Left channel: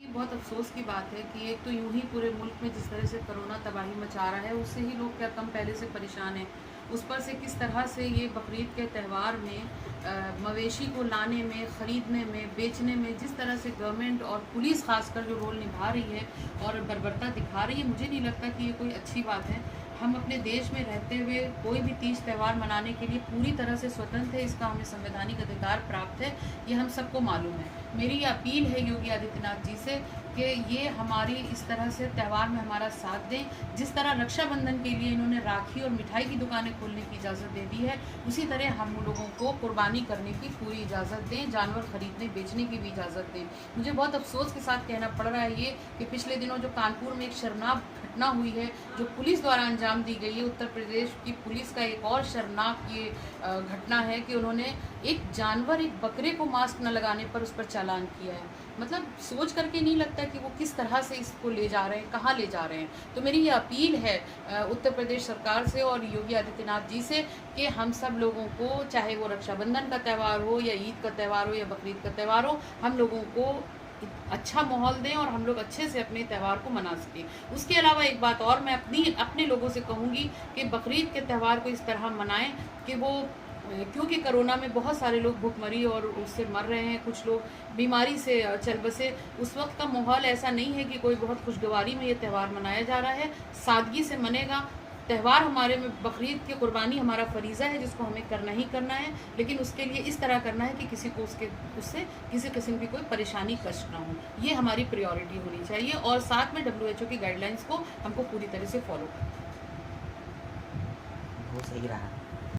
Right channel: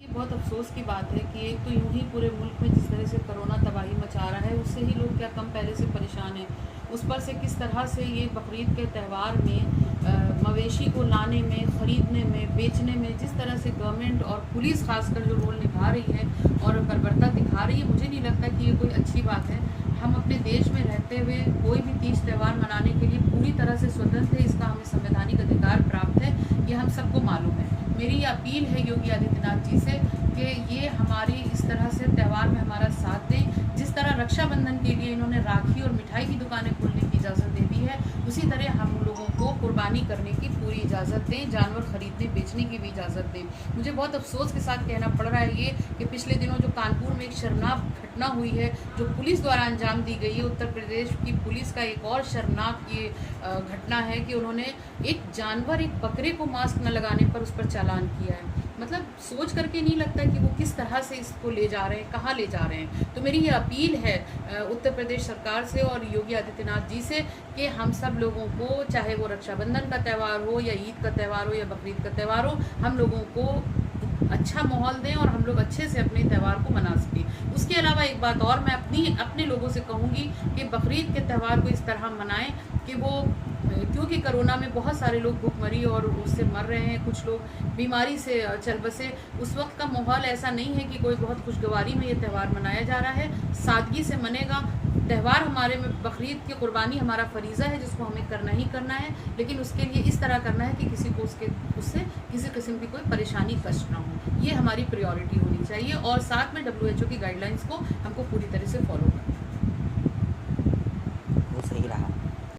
बहुत अफसोस की बात है कि एक तो यूं ही पूरे मुल्क में जिस तरह से कोरोना तबाही मचा रहा है, उससे ही लोग क्या कम पहले से परेशान हैं। उस पर से किस तरह से ये बकरीद के त्यौहार में मवेशी को लाने में, ख़रीदने में, बेचने में जिस तरह से गवर्नमेंट और पुलिस खासकर जो रोल निभा रही है और बर्बरता दिखा रही है, मुझे नहीं लगता कि ये कोई अच्छी बात है। हम अपने देश में रहते हुए कोई भी तीज त्यौहार मनाने के लिए पूरी तरह से स्वतंत्र है, इसका हमें संवैधानिक अधिकार प्राप्त है, ये हम सबको मालूम है। मेरी अपील है योगी आदित्यनाथ जी से कि ये हमारी इस तरह से त्यौहार में हमारा साथ दें। जिस तरह रक्षाबंधन के लिए इन्होंने राखी और मिठाई की दुकानें खोलने की इजाज़त दे दी है, उसी तरह हम लोगों को कुर्बानी करने की पूरी इजाज़त दें, जानवर खरीदने बेचने की भी इजाज़त दें। मुझे बहुत अफसोस के साथ कहना पड़ रहा है ये कि पिछले दिनों जो कानपुर में एक शर्मनाक घटना हुई है, जो पुलिस द्वारा अंजाम दी गई है, उत्तर प्रदेश की पुलिस का एक और शर्मनाक ये घटना है कि उन्होंने एक जानवर, एक बकरे को मास्क न लगाने पर उस पर चालान किया है। मतलब सोच करके नहीं लगता कि वो किस तरह से इसको ले जा रहे हैं, कहाँ ले जा रहे हैं। तो मेरी ये अपील है उत्तर प्रदेश सरकार से और योगी आदित्यनाथ जी से कि हम सब लोगों को, चाहे वो रक्षाबंधन का त्यौहार हो या ईद का त्यौहार हो या बकरीद का त्यौहार हो, हम लोगों को अच्छा माहौल दें और हम लोग अच्छे से अपने त्यौहार को मना सकें। उसके अलावा एक बात और मैं अपने लोगों से कहूँगी कि बकरीद के त्यौहार को इस तरह मनाएं कि वो, क्योंकि कोरोना में बहुत सारे लोग भुखमरी और उससे मर रहे हैं, कुछ लोग बीमारी से चल बसे, उस वक्त का माहौल ऐसा नहीं है कि कोई बहुत खुशगवारी में ये त्यौहार मनाया जा रहा है। सादगी से मनेगा त्यौहार। हमारे में बकरीद की कुर्बानी हमारा फरीज़ा है जिसको हमें करना ही करना है, लेकिन उसके लिए इस तरह करना है कि किसी को उससे किसी किस्म की कोई परेशानी, कष्ट ना हो। ये हमारी प्रायोरिटी होनी चाहिए और साथ में WHO की गाइडलाइंस को हमको पूरी तरह से फॉलो करना है। वो सही रहा।